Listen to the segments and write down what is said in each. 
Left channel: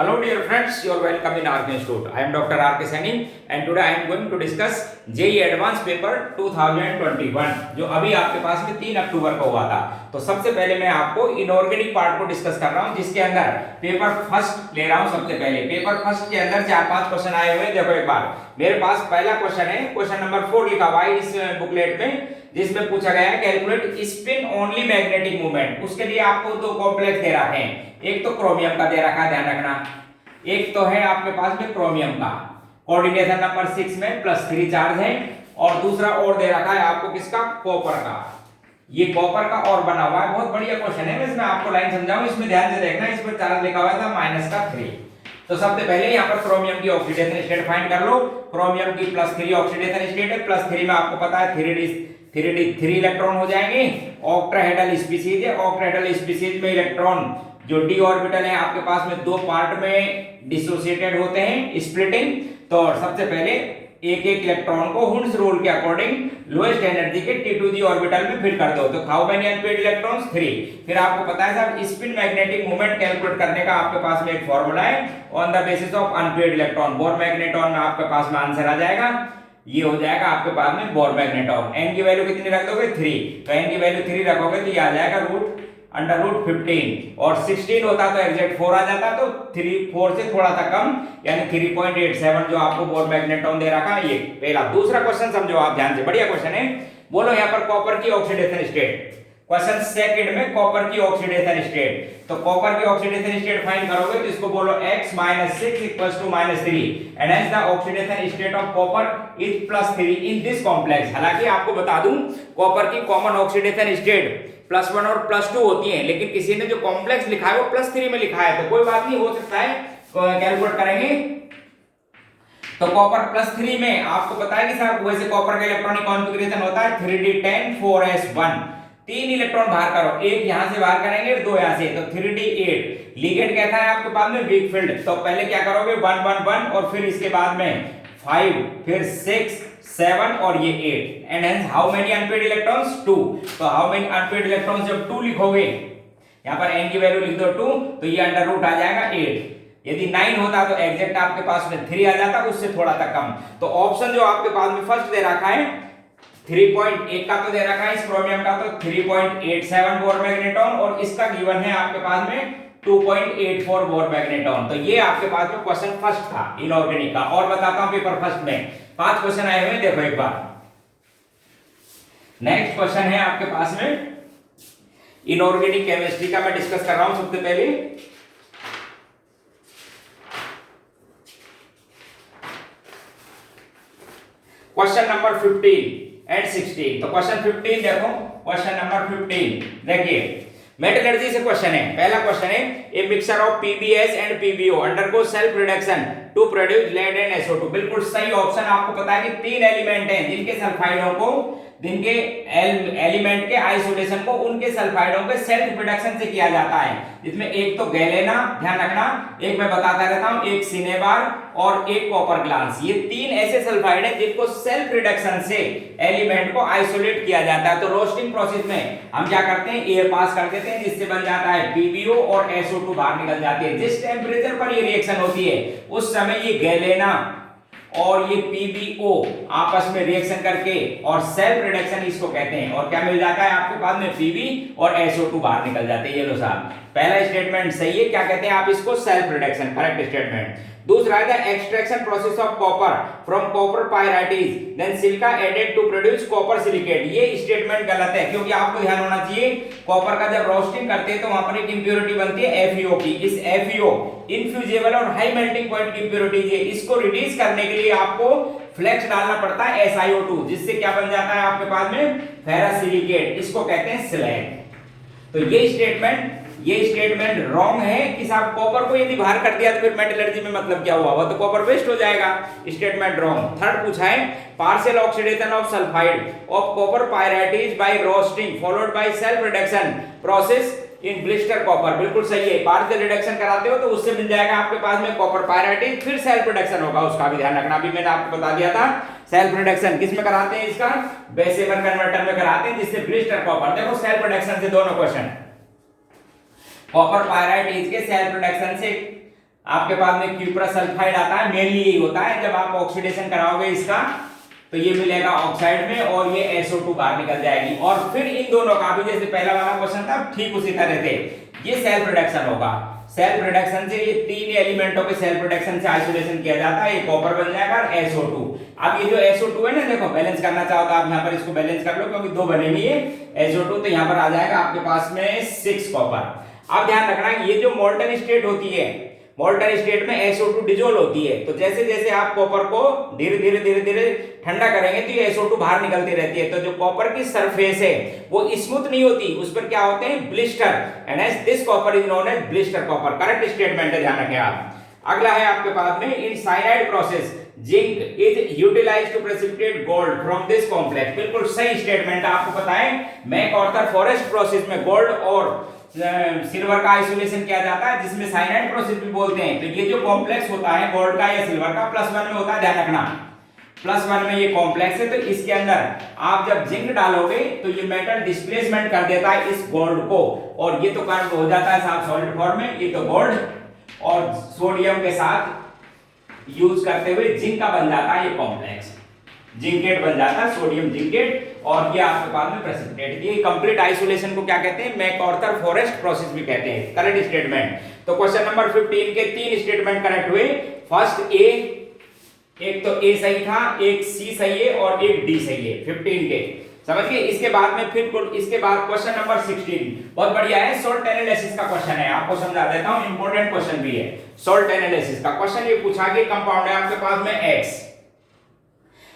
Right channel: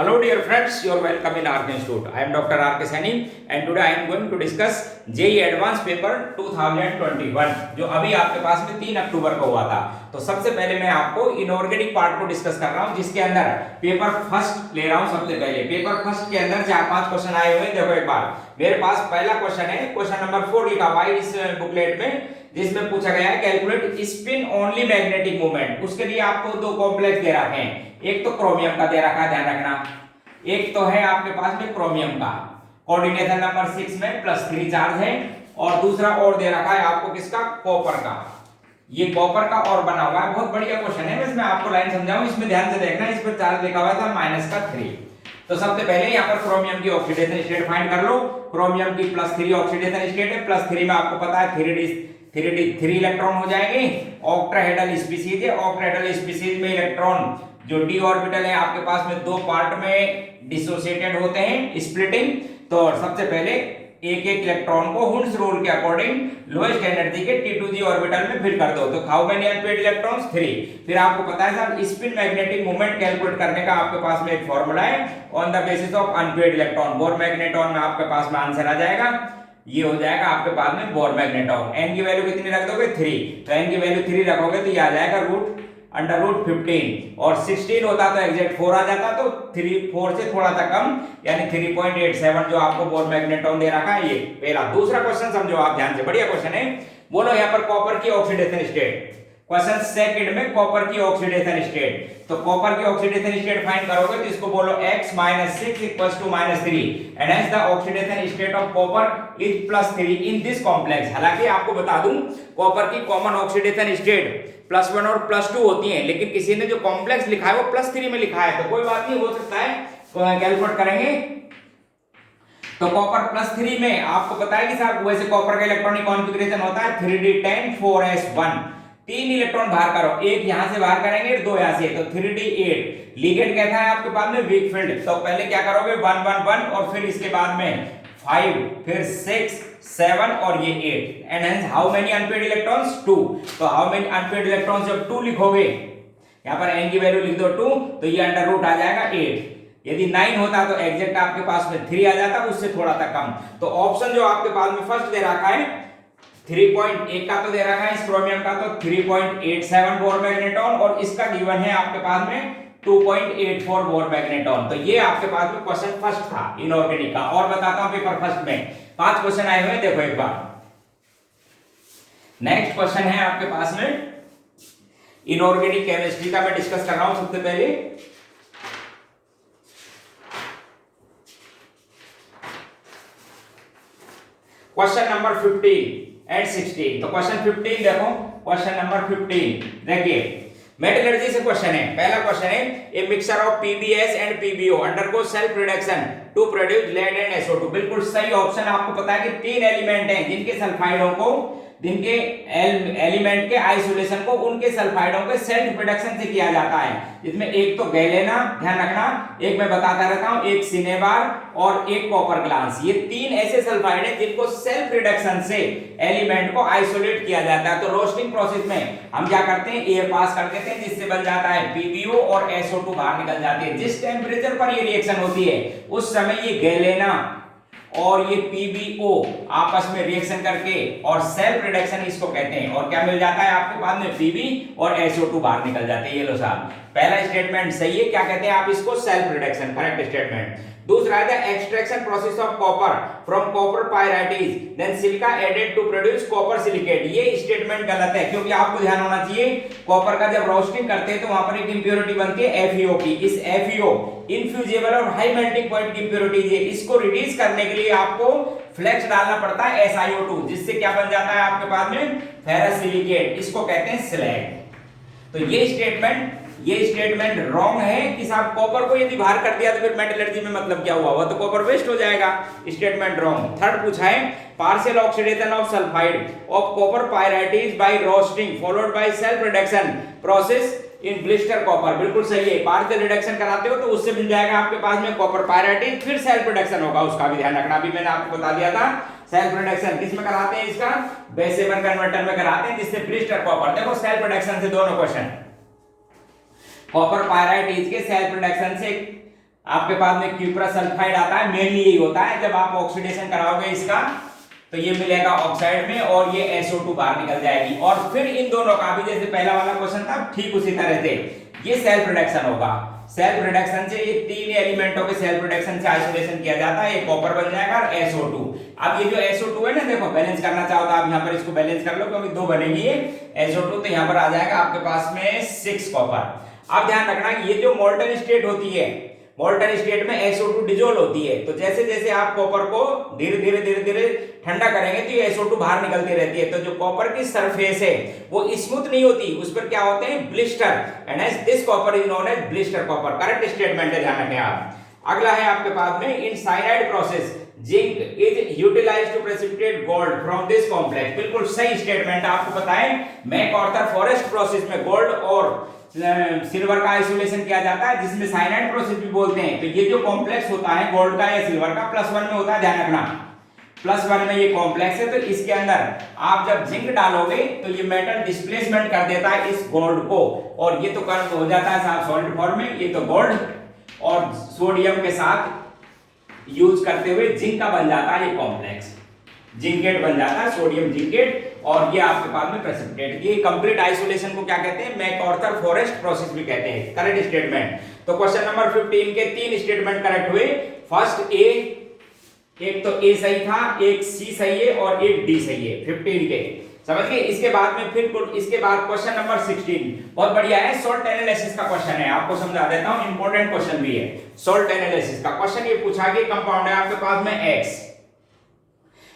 Hello dear friends, you are welcome in RK Institute. I am Dr. RK Saini and today I am going to discuss JEE Advanced Paper 2021 जो अभी आपके पास में 3 अक्टूबर को हुआ था। तो सबसे पहले मैं आपको इनऑर्गेनिक पार्ट को डिस्कस कर रहा हूँ जिसके अंदर पेपर फर्स्ट ले रहा हूँ। सबसे पहले पेपर फर्स्ट के अंदर 4-5 क्वेश्चन आए हुए। देखो एक बार मेरे पास पहला क्वेश्चन है, क्वेश्चन नंबर 4 लिखा हुआ है इस बुकलेट में, जिसमें पूछा गया है calculate spin only magnetic movement. उसके लिए आपको दो कॉम्प्लेक्स दे रखे हैं, एक तो क्रोमियम का दे रखा है, ध्यान रखना, एक तो है आपके पास में क्रोमियम का, कोऑर्डिनेशन नंबर 6 में +3 चार्ज है, और दूसरा और दे रखा है आपको किसका, कॉपर का। ये कॉपर का और बना हुआ है, बहुत बढ़िया क्वेश्चन है। मैं आपको लाइन समझाऊं, इसमें ध्यान से देखना, इस पर चार्ज लिखा हुआ था -3। तो सबसे पहले यहाँ पर क्रोमियम की ऑक्सीडेशन स्टेट फाइंड कर लो। क्रोमियम की +3 ऑक्सीडेशन स्टेट है, +3 में आपको पता है 3 इलेक्ट्रॉन हो जाएंगे। ऑक्टाहेड्रल स्पीशीज है, ऑक्टाहेड्रल स्पीशीज में इलेक्ट्रॉन जो डी ऑर्बिटल है आपके पास में दो पार्ट में डिसोसिएटेड होते हैं, स्प्लिटिंग। तो सबसे पहले एक एक इलेक्ट्रॉन को हुंस रूल के अकॉर्डिंग लोएस्ट एनर्जी के T2g ऑर्बिटल में फिट कर दो। तो हाउ मेनी अनपेयर्ड इलेक्ट्रॉन्स, 3। फिर आपको पता है साहब स्पिन मैग्नेटिक मोमेंट कैलकुलेट करने का आपके पास में एक फॉर्मूला है, on the basis of unpaired electron. Bore magnetron में आपके पास में आंसर आ जाएगा, ये हो जाएगा आपके पास में बोर मैग्नेट्रॉन। एन की वैल्यू कितनी रख दोगे, 3। तो एन की वैल्यू 3 रखोगे तो ये आ जाएगा √15, और 16 होता तो एग्जैक्ट 4 आ जाता, तो 4 से थोड़ा सा कम यानी 3.87 जो आपको बोर मैग्नेट्रॉन दे रखा है। ये पहला। दूसरा क्वेश्चन समझो आप ध्यान से, बढ़िया क्वेश्चन है। बोलो यहाँ पर कॉपर की ऑक्सीडेशन स्टेट, क्वेश्चन सेकंड में कॉपर की ऑक्सीडेशन स्टेट। तो कॉपर की ऑक्सीडेशन स्टेट फाइंड करोगे तो इसको बोलो x - 6 = -3 and hence the oxidation state of copper is +3 in this complex. हालांकि आपको बता दूं कॉपर की कॉमन ऑक्सीडेशन स्टेट +1 और +2 होती है, लेकिन किसी ने जो कॉम्प्लेक्स लिखा है वो +3 में लिखा है, तो कोई बात नहीं, हो सकता है कैलकुलेट करेंगे। तो कॉपर +3 में आपको पता है कि साहब वैसे कॉपर का इलेक्ट्रॉनिक कॉन्फ़िगरेशन होता है 3d10 4s1। 3 इलेक्ट्रॉन बाहर करो, एक यहां से बाहर करेंगे, 2 यहां से, तो 3d8। लिगेंड कहता है आपके पास में वीक फील्ड, तो पहले क्या करोगे 1 1 1 और फिर इसके बाद में 5, फिर 6 7 और ये 8 and hence how many unpaired electrons, 2। तो हाउ मेनी अनपेयर्ड इलेक्ट्रॉन्स जब 2 लिखोगे, यहां पर n की वैल्यू लिख दो 2, तो ये अंडर रूट आ जाएगा 8। यदि 9 होता तो एग्जैक्ट आपके पास में 3 आ जाता, उससे थोड़ा सा कम। तो ऑप्शन जो आपके पास में फर्स्ट दे रखा है 3.1 का तो दे रखा है इस क्रोमियम का, तो 3.87 बोर मैग्नेट्रॉन, और इसका गिवन है आपके पास में 2.84 बोर मैग्नेट्रॉन। तो ये आपके पास में क्वेश्चन फर्स्ट था इनऑर्गेनिक का। और बताता हूं पेपर फर्स्ट में 5 क्वेश्चन आए हुए, देखो एक बार। नेक्स्ट क्वेश्चन है आपके पास में इनऑर्गेनिक केमिस्ट्री का, मैं डिस्कस कर रहा हूं सबसे पहले। Question number 15 and 16। तो क्वेश्चन 15 देखो, क्वेश्चन नंबर 15 देखिए, मेटलर्जी से क्वेश्चन है। पहला क्वेश्चन है, a mixture of PbS and PbO undergo self reduction to produce lead and SO2। बिल्कुल सही ऑप्शन। आपको पता है कि 3 एलिमेंट हैं जिनके सल्फाइडों को, जिनके एलिमेंट के आइसोलेशन को उनके सल्फाइडों के सेल्फ रिडक्शन से किया जाता है, जिसमें एक तो गैलेना, ध्यान रखना, एक मैं बताता रहता हूं, एक सिनेबार और एक कॉपर ग्लास। ये 3 ऐसे सल्फाइड हैं जिनको सेल्फ रिडक्शन से एलिमेंट को आइसोलेट किया जाता है। तो रोस्टिंग प्रोसेस में हम क्या करते हैं, एयर पास कर देते हैं, जिससे बन जाता है PbO और SO2 बाहर निकल जाती है। जिस टेम्परेचर पर ये रिएक्शन होती है उस समय ये गैलेना और ये PbO आपस में रिएक्शन करके और सेल्फ रिडक्शन इसको कहते हैं, और क्या मिल जाता है आपके पास में Pb और SO2 बाहर निकल जाते हैं। ये लो साहब, पहला स्टेटमेंट सही है, क्या कहते हैं आप इसको, सेल्फ रिडक्शन, करेक्ट स्टेटमेंट। दूसरा है the extraction process of copper from copper pyrites then silica added to produce copper silicate. ये स्टेटमेंट गलत है, क्योंकि आपको ध्यान होना चाहिए कॉपर का जब रोस्टिंग करते हैं तो वहां पर एक इंप्योरिटी बनती है FeO की। इस FeO इनफ्यूजेबल और हाई मेल्टिंग पॉइंट की इंप्योरिटी है, इसको रिलीज करने के लिए आपको फ्लेक्स डालना पड़ता है SiO2, जिससे क्या बन जाता है आपके पास में फेरस सिलिकेट, इसको कहते हैं स्लैग। तो ये स्टेटमेंट रॉन्ग है कि साहब कॉपर को यदि बाहर कर दिया तो फिर मेटलर्जी में मतलब क्या हुआ, तो कॉपर वेस्ट हो जाएगा। Statement wrong. थर्ड पूछा है, partial oxidation of sulphide of copper pyrites by roasting followed by self reduction process in blister copper. बिल्कुल सही है, पार्शियल रिडक्शन कराते हो तो उससे मिल जाएगा आपके पास में कॉपर पायराइटिस, फिर सेल्फ रिडक्शन होगा, उसका भी ध्यान रखना। अभी मैंने आपको बता दिया था सेल्फ रिडक्शन किस में कराते हैं, इसका बेसेबल कन्वर्टर में कराते हैं, जिससे ब्लिस्टर कॉपर। देखो सेल्फ रिडक्शन से दोनों क्वेश्चन, कॉपर पायराइटिस के सेल्फ रिडक्शन से आपके पास में क्यूप्रस सल्फाइड आता है, मेनली यही होता है। जब आप ऑक्सीडेशन कराओगे इसका तो ये मिलेगा ऑक्साइड में और ये SO2 बाहर निकल जाएगी। और फिर इन दोनों का भी जैसे पहला वाला क्वेश्चन था ठीक उसी तरह से ये सेल्फ रिडक्शन होगा। सेल्फ रिडक्शन से ये तीन एलिमेंटों के सेल्फ रिडक्शन से आइसोलेशन किया जाता है, ये कॉपर बन जाएगा और SO2। अब ये जो SO2 है ना, देखो बैलेंस करना चाहो तो आप यहाँ पर इसको बैलेंस कर लो क्योंकि दो बने हुए है SO2, तो यहाँ पर आ जाएगा आपके पास में 6 कॉपर। अब ध्यान रखना ये जो मोल्टन स्टेट होती है, मोल्टन स्टेट में SO2 डिसॉल्व होती है, तो जैसे जैसे आप कॉपर को धीरे धीरे ठंडा करेंगे तो ये SO2 बाहर निकलती रहती है। तो जो कॉपर की सरफेस है वो स्मूथ नहीं होती, उस पर क्या होते हैं blister, and as this copper is known as blister copper. Correct statement है, ध्यान रखें आप। अगला है आपके पास में in cyanide process zinc is utilised to precipitate gold from this complex. बिल्कुल सही स्टेटमेंट आपको पता है। मैक-ऑर्थर फॉरेस्ट प्रोसेस में गोल्ड और सिल्वर का आइसोलेशन किया जाता है, जिसमें साइनाइड प्रोसेस भी बोलते हैं। तो ये जो कॉम्प्लेक्स होता है गोल्ड का या सिल्वर का +1 में होता है, ध्यान रखना +1 में ये कॉम्प्लेक्स है। तो इसके अंदर आप जब जिंक डालोगे तो ये मेटल डिस्प्लेसमेंट कर देता है इस गोल्ड को, और ये तो कन्वर्ट हो जाता है साहब सॉलिड फॉर्म में। ये तो गोल्ड और सोडियम के साथ यूज करते हुए जिंक का बन जाता है ये कॉम्प्लेक्स, जिंकेट बन जाता है, सोडियम जिंकेट, और ये आपके पास में प्रेसिपिटेट। ये कंप्लीट आइसोलेशन को क्या कहते हैं? मैक-ऑर्थर फॉरेस्ट प्रोसेस भी कहते हैं। Correct statement. तो क्वेश्चन नंबर 15 के 3 स्टेटमेंट करेक्ट हुए। फर्स्ट ए, एक तो ए सही था, एक सी सही है और एक डी सही है 15 के, समझ गए। इसके बाद में फिर इसके बाद क्वेश्चन नंबर 16 बहुत बढ़िया है, सॉल्ट एनालिसिस का क्वेश्चन है, आपको समझा देता हूं, इंपॉर्टेंट क्वेश्चन भी है। सॉल्ट एनालिसिस का क्वेश्चन ये पूछा कि कंपाउंड है आपके पास में X,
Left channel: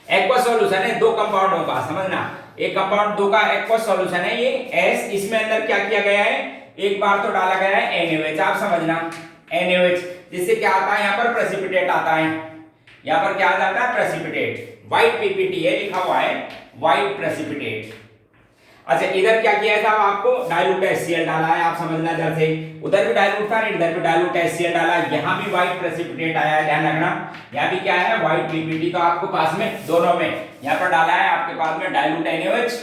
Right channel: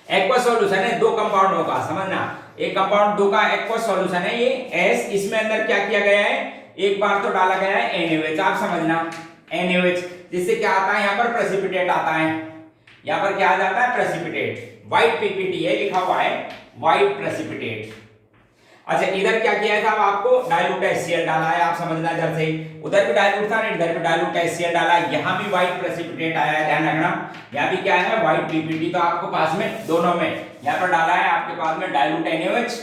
एक्वा सॉल्यूशन है, दो कंपाउंडों का, समझना एक कंपाउंड दो का एक्वा सॉल्यूशन है ये S, इसमें अंदर क्या किया गया है, एक बार तो डाला गया है NaOH, आप समझना NaOH, जिससे क्या आता है यहाँ पर प्रेसिपिटेट आता है, यहाँ पर क्या आ जाता है प्रेसिपिटेट, व्हाइट PPT है लिखा हुआ है, व्हाइट प्रेसिपिटेट। अच्छा इधर क्या किया था आपको, डाइल्यूट HCl डाला है, आप समझना इधर से, उधर भी डाइल्यूट था, इधर भी डाइल्यूट HCl डाला है, यहाँ भी व्हाइट प्रेसिपिटेट आया है, ध्यान रखना, यहाँ भी क्या है व्हाइट PPT, तो आपको पास में दोनों में यहाँ पर डाला है आपके पास में डाइल्यूट NaOH।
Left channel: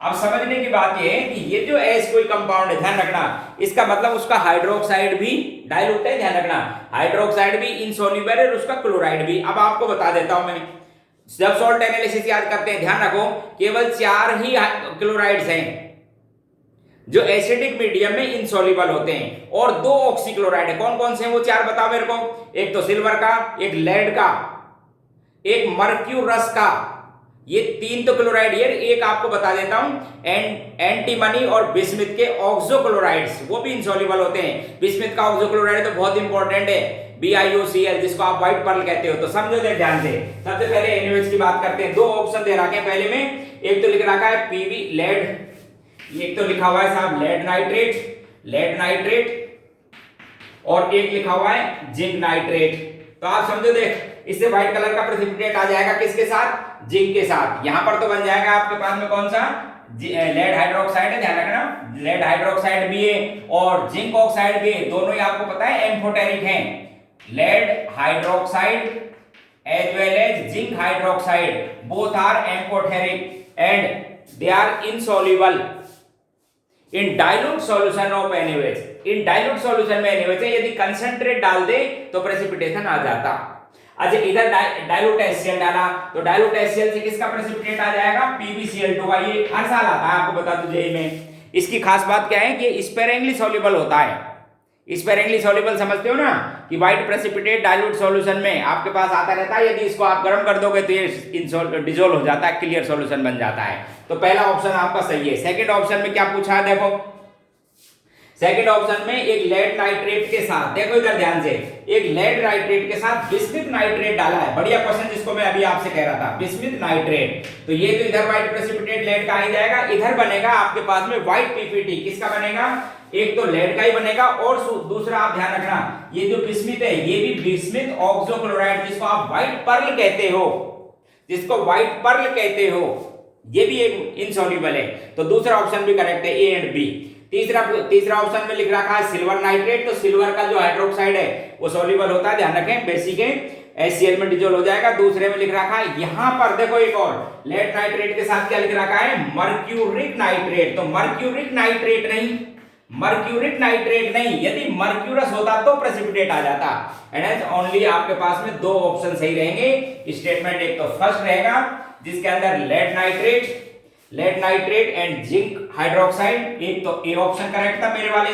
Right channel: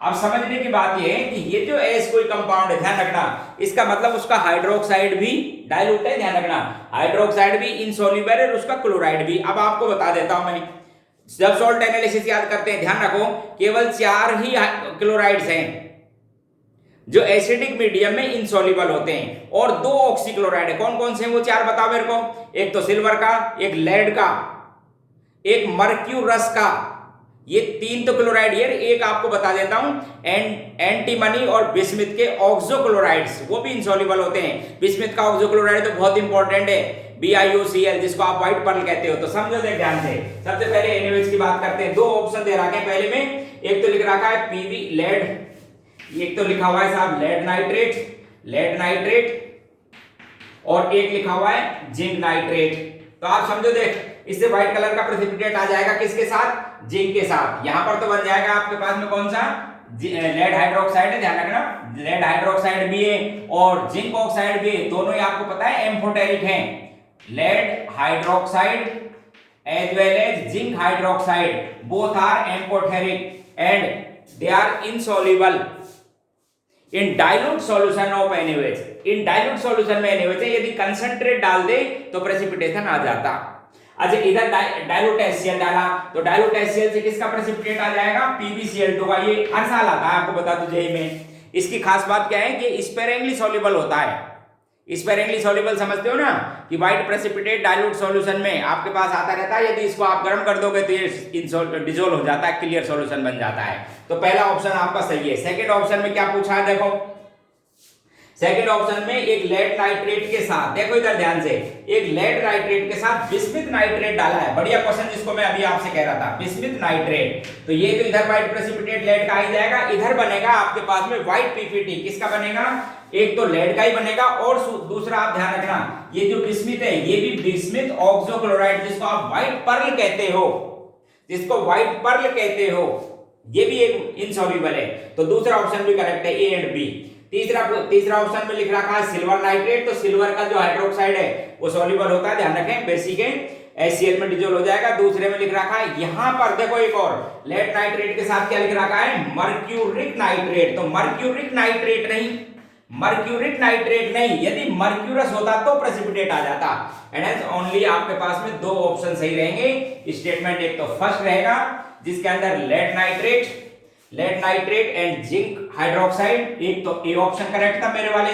अब समझने की बात ये है कि ये जो S कोई कंपाउंड है, ध्यान रखना, इसका मतलब उसका हाइड्रोक्साइड भी डाइल्यूट है, ध्यान रखना, हाइड्रोक्साइड भी इनसॉल्युबल है और उसका क्लोराइड भी। अब आपको बता देता हूं मैं, जब सॉल्ट एनालिसिस याद करते हैं, ध्यान रखो केवल 4 ही क्लोराइड्स हैं जो एसिडिक मीडियम में इनसॉल्युबल होते हैं, और 2 ऑक्सीक्लोराइड है। कौन कौन से हैं वो 4 बताओ मेरे को, एक तो सिल्वर का, एक लेड का, एक मर्क्यूरस का, ये 3 तो क्लोराइड है। एक आपको बता देता हूं, एंटीमनी और बिस्मिथ के ऑक्सोक्लोराइड्स, वो भी इनसॉल्युबल होते हैं। बिस्मिथ का ऑक्सोक्लोराइड तो बहुत इंपॉर्टेंट है, BiOCl, जिसको आप व्हाइट पर्ल कहते हो। तो समझो दे ध्यान से, सबसे पहले NaOH की बात करते हैं। 2 ऑप्शन दे रखे हैं पहले में, एक तो लिख रखा है PV लेड, एक तो लिखा हुआ है साहब लेड नाइट्रेट, और एक लिखा हुआ है जिंक नाइट्रेट। तो आप समझो देख, इससे व्हाइट कलर का प्रेसिपिटेट आ जाएगा किसके साथ, जिंक के साथ। यहां पर तो बन जाएगा आपके पास में कौन सा, लेड हाइड्रोक्साइड है, ध्यान रखना, लेड हाइड्रोक्साइड भी है और जिंक ऑक्साइड भी है, दोनों ही आपको पता है एम्फोटेरिक हैं। Lead hydroxide as well as zinc hydroxide, both are amphoteric and they are insoluble in dilute solution of NaOH। In dilute solution में NaOH है, यदि कंसंट्रेट डाल दे तो प्रेसिपिटेशन आ जाता। अच्छा इधर डाइल्यूट HCl डाला तो डाइल्यूट HCl से किसका प्रेसिपिटेट आ जाएगा, PbCl2 का। ये हर साल आता है, आपको बता दूं जेईई में। इसकी खास बात क्या है कि स्पेरेंगली सॉल्युबल होता है, स्पेरेंगली सॉल्युबल समझते हो ना, कि व्हाइट प्रेसिपिटेट डाइल्यूट सॉल्यूशन में आपके पास आता रहता है, यदि इसको आप गर्म कर दोगे तो ये डिसॉल्व हो जाता है, क्लियर सॉल्यूशन बन जाता है। तो पहला ऑप्शन आपका सही है। सेकंड ऑप्शन में क्या पूछा है, देखो सेकंड ऑप्शन में एक लेड नाइट्रेट के साथ, देखो इधर ध्यान से, एक लेड नाइट्रेट के साथ बिस्मिथ नाइट्रेट डाला है। बढ़िया क्वेश्चन, जिसको मैं अभी आपसे कह रहा था, बिस्मिथ नाइट्रेट। तो ये तो इधर व्हाइट प्रेसिपिटेट लेड का आ जाएगा, इधर बनेगा आपके पास में व्हाइट PPT। किसका बनेगा, एक तो लेड का ही बनेगा, और दूसरा आप ध्यान रखना, ये जो बिस्मिथ है ये भी बिस्मिथ ऑक्सोक्लोराइड, जिसको आप व्हाइट पर्ल कहते हो, जिसको व्हाइट पर्ल कहते हो, ये भी एक इनसॉल्युबल है। तो दूसरा ऑप्शन भी करेक्ट है, A एंड B। तीसरा ऑप्शन में लिख रखा है सिल्वर नाइट्रेट, तो सिल्वर का जो हाइड्रोक्साइड है वो सॉल्युबल होता है, ध्यान रखें, बेसिक है, HCl में डिसॉल्व हो जाएगा। दूसरे में लिख रखा है, यहां पर देखो एक और लेड नाइट्रेट के साथ क्या लिख रखा है, मर्क्यूरिक नाइट्रेट। तो मर्क्यूरिक नाइट्रेट नहीं, मर्क्यूरिक नाइट्रेट नहीं, यदि मर्क्यूरस होता तो प्रेसिपिटेट आ जाता। एंड ओनली आपके पास में दो ऑप्शन सही रहेंगे स्टेटमेंट। एक तो फर्स्ट रहेगा जिसके अंदर lead nitrate and zinc hydroxide, एक तो ए ऑप्शन करेक्ट था मेरे वाले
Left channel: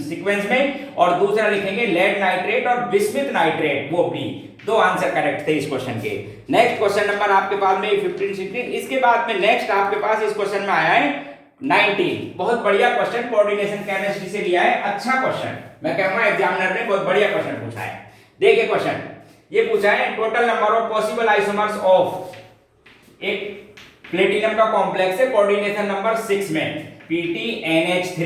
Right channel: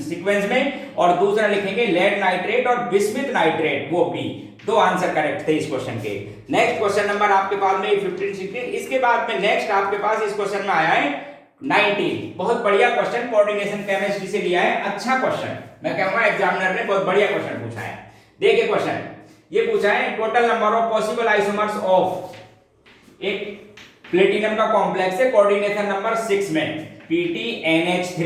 सीक्वेंस में, और दूसरा लिखेंगे लेड नाइट्रेट और बिस्मिथ नाइट्रेट, वो बी। दो आंसर करेक्ट थे इस क्वेश्चन के। नेक्स्ट क्वेश्चन नंबर आपके पास में 15 16। इसके बाद में नेक्स्ट आपके पास इस क्वेश्चन में आया है 19। बहुत बढ़िया क्वेश्चन, कोऑर्डिनेशन केमिस्ट्री से लिया है, अच्छा क्वेश्चन। मैं कहूंगा एग्जामिनर ने बहुत बढ़िया क्वेश्चन पूछा है। देखिए क्वेश्चन ये पूछा है total number of possible isomers of, एक प्लेटिनम का कॉम्प्लेक्स है कोऑर्डिनेशन नंबर 6 में PTNH3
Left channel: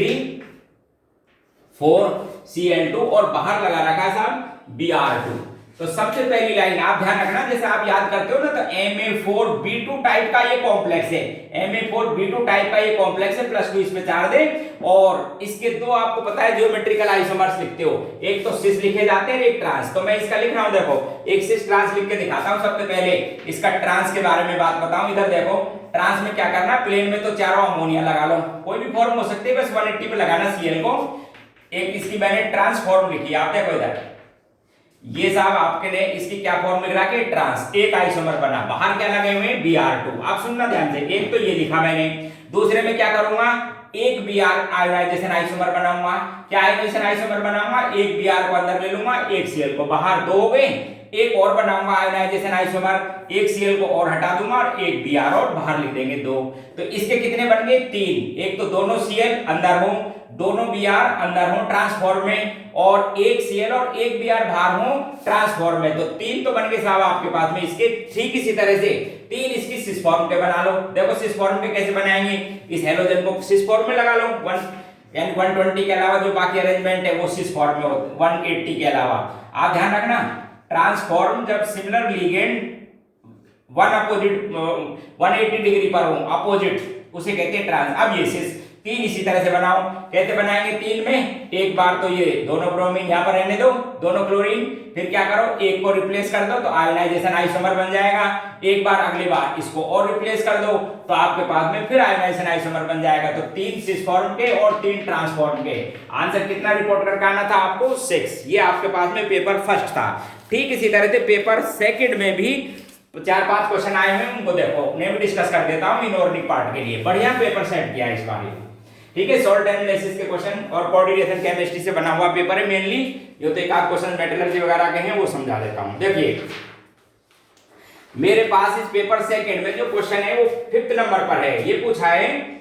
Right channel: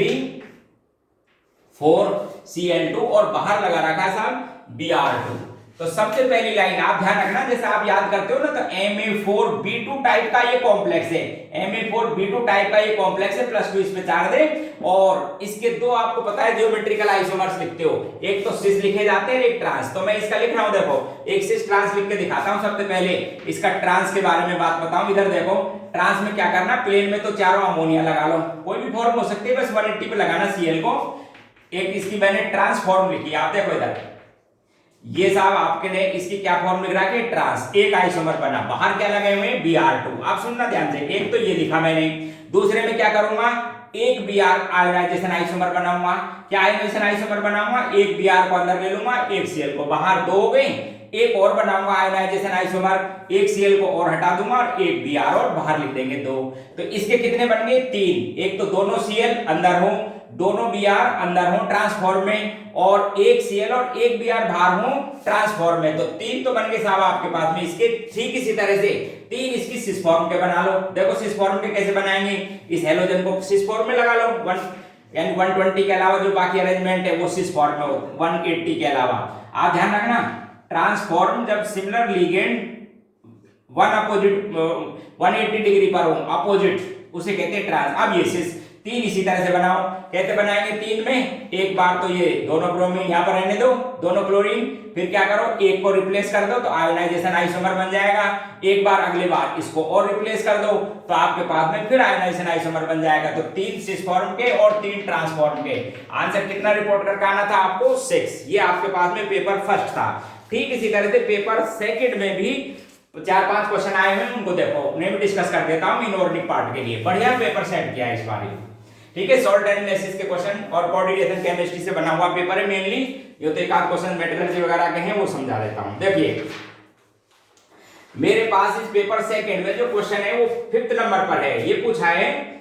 4Cl2 और बाहर लगा रखा साहब Br2। तो सबसे पहली लाइन आप ध्यान रखना, जैसे आप याद करते हो ना, तो Ma4B2 टाइप का ये कॉम्प्लेक्स है, Ma4B2 टाइप का ये कॉम्प्लेक्स है, +2 इस पे 4 दे। और इसके दो आपको पता है जियोमेट्रिकल आइसोमर्स लिखते हो, एक तो सिस लिखे जाते हैं, एक ट्रांस। तो मैं इसका लिख रहा हूं, देखो एक सिस ट्रांस लिख के दिखाता हूं। सबसे पहले इसका ट्रांस के बारे में बात बताऊं। इधर देखो ट्रांस में क्या करना, प्लेन में तो चारों अमोनिया लगा लो, कोई भी फॉर्म हो सकती है, बस 180 पे लगाना Cl को। एक इसकी मैंने ट्रांसफॉर्म लिखी, आप देखो इधर ये साहब आपके ने इसकी क्या फॉर्म लिख रहा है, ट्रांस। एक आइसोमर बना, बाहर क्या लगे हुए हैं Br2। आप सुनना ध्यान से, एक तो ये लिखा मैंने, दूसरे में क्या करूंगा, एक Br आयोनाइजेशन आइसोमर बनाऊंगा। क्या आयोनाइजेशन आइसोमर बनाऊंगा, एक Br को अंदर ले लूंगा, एक Cl को बाहर, दो हो गए। एक और बनाऊंगा आयोनाइजेशन आइसोमर, एक Cl को और हटा दूंगा और एक Br और बाहर लिख देंगे, दो। तो इसके कितने बन गए, 3। एक तो दोनों Cl अंदर हो, दोनों Br अंदर हो ट्रांसफॉर्म में, और एक Cl और एक Br बाहर हो ट्रांसफॉर्म में। तो 3 तो बन गए साहब आपके पास में इसके। ठीक इसी तरह से 3 इसकी सिस फॉर्म के बना लो। देखो सिस फॉर्म के कैसे बनाएंगे, इस हेलोजन को सिस फॉर्म में लगा लो, 120 के अलावा जो बाकी अरेंजमेंट है वो सिस फॉर्म में हो, 180 के अलावा। आप ध्यान रखना, ट्रांसफॉर्म जब सिमिलर लिगेंड 180 डिग्री पर हो अपोजिट, उसे कहते हैं ट्रांस। अब ये सिस 3 इसी तरह से बनाओ, कहते बनाएंगे 3 में। एक बार तो ये दोनों ब्रोमीन यहां पर रहने दो, दोनों क्लोरीन, फिर क्या करो, एक को रिप्लेस कर दो तो आयोनाइजेशन आइसोमर बन जाएगा। एक बार अगली बार इसको और रिप्लेस कर दो तो आपके पास में फिर आयोनाइजेशन आइसोमर बन जाएगा। तो 3 सिस फॉर्म के और 3 ट्रांसफॉर्म के। आंसर कितना रिपोर्ट करके आना था आपको, 6। ये आपके पास में पेपर फर्स्ट था। ठीक इसी तरह से पेपर सेकंड में भी 4-5 क्वेश्चन आए हुए, उनको देखो, मैं भी डिस्कस कर देता हूं इनऑर्गेनिक पार्ट के लिए। बढ़िया पेपर सेट किया इस बार। ठीक है, सॉल्ट एनालिसिस के क्वेश्चन और कोऑर्डिनेशन केमिस्ट्री से बना हुआ पेपर है मेनली। ये तो एक आध क्वेश्चन मेटलर्जी वगैरह के हैं, वो समझा देता हूं। देखिए मेरे पास इस पेपर सेकंड में जो क्वेश्चन है वो 5th नंबर पर है। ये पूछा है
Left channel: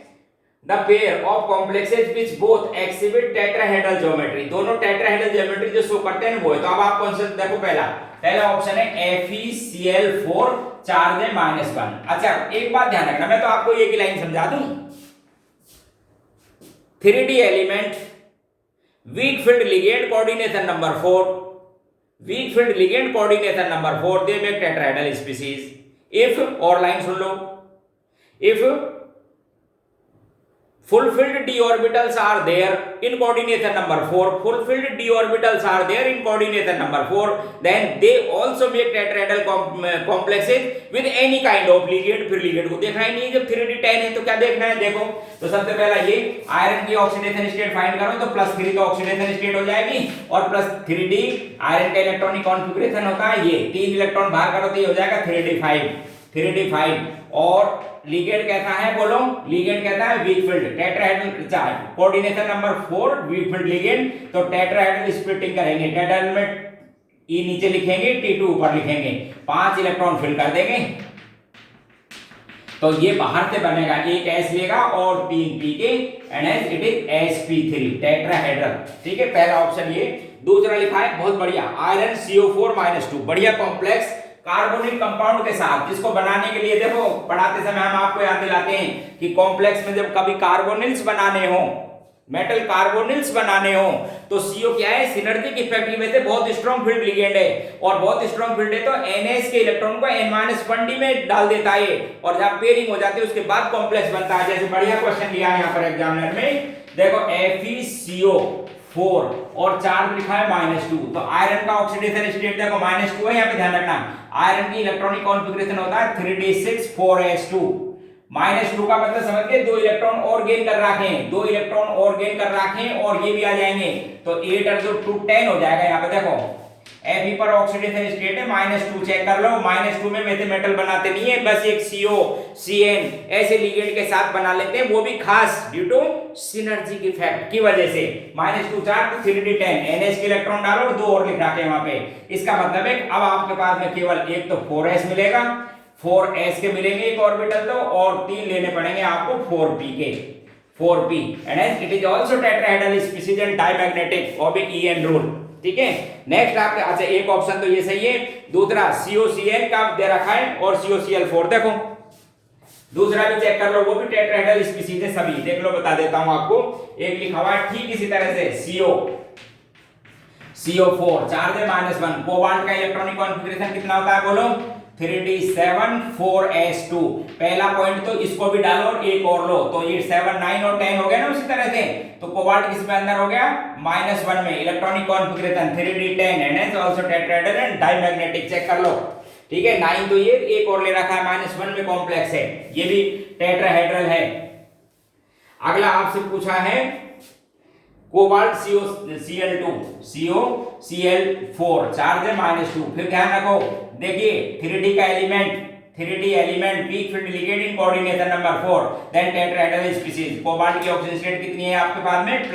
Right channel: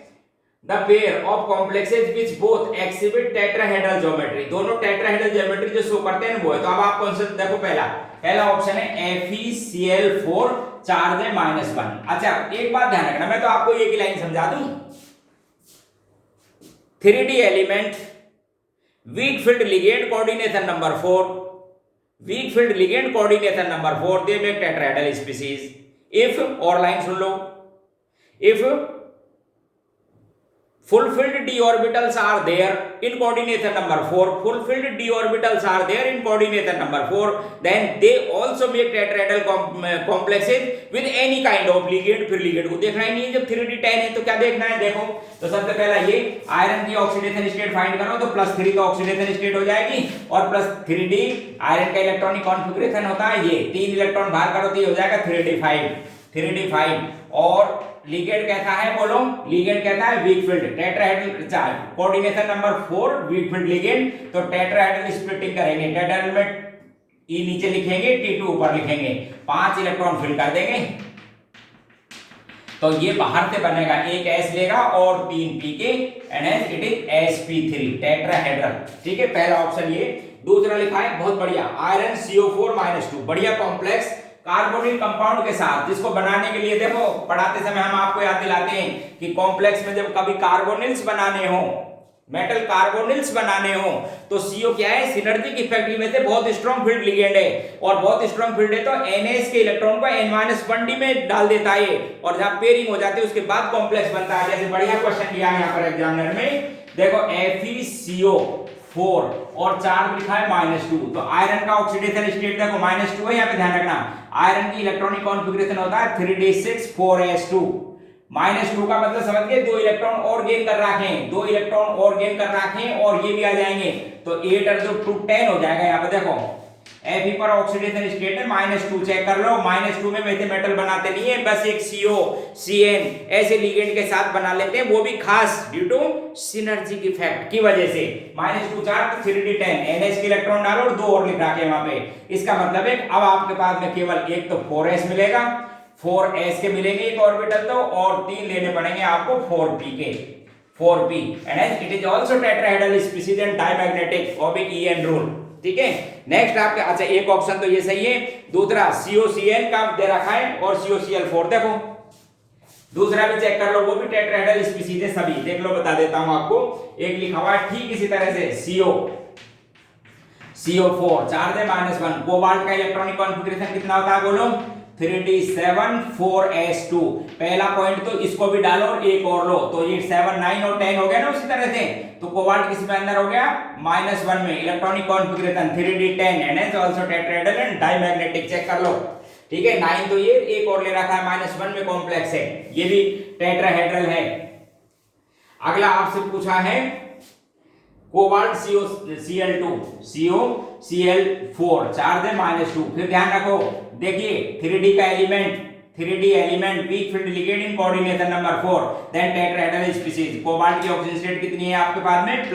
the pair of complexes which both exhibit tetrahedral geometry, दोनों टेट्राहेड्रल ज्योमेट्री जो शो करते हैं वो है। तो अब आप कौन सा देखो, पहला ऑप्शन है FeCl4 चार्ज है -1। अच्छा एक बात ध्यान रखना, मैं तो आपको एक ही लाइन समझा दूं। 3D element weak field ligand coordination number 4, weak field ligand coordination number 4 they make tetrahedral species if, और लाइन सुन लो, if fulfilled d orbitals are there in coordination number 4, fulfilled d orbitals are there in coordination number 4, then they also make tetrahedral complexes with any kind of ligand। फिर ligand को देखना ही नहीं है, जब 3D10 है तो क्या देखना है, देखो तो सबसे पहला ये आयरन की ऑक्सीडेशन स्टेट फाइंड करो, तो +3 तो ऑक्सीडेशन स्टेट हो जाएगी, और +3D आयरन का इलेक्ट्रॉनिक कॉन्फ़िगरेशन होता है ये, 3 इलेक्ट्रॉन बाहर करो तो ये हो जाएगा 3D5। और लिगेंड कहता है, बोलो लिगेंड कहता है weak field tetrahedral charge, coordination number 4 weak field ligand. तो टेट्राहेड्रल स्प्लिटिंग करेंगे, टेट्राहेड्रल में E नीचे लिखेंगे, T2 ऊपर लिखेंगे, 5 इलेक्ट्रॉन फिल कर देंगे। तो ये बाहर से बनेगा, एक S लेगा और 3 P के, and it is sp3 tetrahedral. ठीक है, पहला ऑप्शन ये। दूसरा लिखा है बहुत बढ़िया, आयरन CO4-2, बढ़िया कॉम्प्लेक्स कार्बोनिल कंपाउंड के साथ, जिसको बनाने के लिए देखो पढ़ाते समय हम आपको याद दिलाते हैं कि कॉम्प्लेक्स में जब कभी कार्बोनिल्स बनाने हो, मेटल कार्बोनिल्स बनाने हो, तो CO क्या है, सिनर्जिक इफेक्ट की वजह से बहुत स्ट्रॉन्ग फील्ड लिगेंड है, और बहुत स्ट्रॉन्ग फील्ड है तो NH के इलेक्ट्रॉन को N-1d में डाल देता है, और जब पेयरिंग हो जाती है उसके बाद कॉम्प्लेक्स बनता है। जैसे बढ़िया क्वेश्चन दिया है यहाँ पर एग्जामिनर में, देखो FeCO4 और चार्ज लिखा है -2, तो आयरन का ऑक्सीडेशन स्टेट देखो -2 है, यहाँ पे ध्यान रखना। आयरन की इलेक्ट्रॉनिक कॉन्फ़िगरेशन होता है 3d6 4s2 -2 का मतलब समझ गए, 2 इलेक्ट्रॉन और गेन कर रखे हैं, 2 इलेक्ट्रॉन और गेन कर रखे हैं और ये भी आ जाएंगे, तो 8 और 2 10 हो जाएगा। यहाँ पे देखो Fe पर ऑक्सीडेशन स्टेट है -2, चेक कर लो। -2 में वैसे मेटल बनाते नहीं है, बस एक CO CN ऐसे लिगेंड के साथ बना लेते हैं, वो भी खास ड्यू टू सिनर्जी इफेक्ट की वजह से। -2 4 तो 3d10 NH के इलेक्ट्रॉन डालो और 2 और लिख रखे हैं वहां पे। इसका मतलब है अब आपके पास में केवल एक तो 4s मिलेगा, 4s के मिलेंगे एक ऑर्बिटल तो, और 3 लेने पड़ेंगे आपको 4p के, 4p and it is also tetrahedral species and diamagnetic और भी EN रूल। ठीक है, नेक्स्ट आपके, अच्छा एक ऑप्शन तो ये सही है, दूसरा COCl का दे रखा है और COCl4 देखो, दूसरा भी चेक कर लो, वो भी टेट्राहेड्रल स्पीशीज है सभी, देख लो बता देता हूं आपको। एक लिखा हुआ है ठीक इसी तरह से CO4 चार्ज है -1, कोबाल्ट का इलेक्ट्रॉनिक कॉन्फ़िगरेशन कितना होता है बोलो, 3d7 4s2। पहला पॉइंट तो इसको भी डालो और एक और लो, तो ये 7 9 और 10 हो गया ना उसी तरह से। तो कोबाल्ट किसमें अंदर हो गया, -1 में, electronic configuration 3d10 and also tetrahedral and diamagnetic, check कर लो। ठीक है, 9 तो ये एक और ले रखा है, -1 में कॉम्प्लेक्स है, ये भी टेट्राहेड्रल है। अगला आपसे पूछा है कोबाल्ट COCl2 COCl4 चार्ज है -2। फिर ध्यान रखो, देखिए 3d का element, 3d element weak field ligand in coordination number 4, then tetrahedral species. Cobalt की ऑक्सीजन स्टेट कितनी है आपके पास में,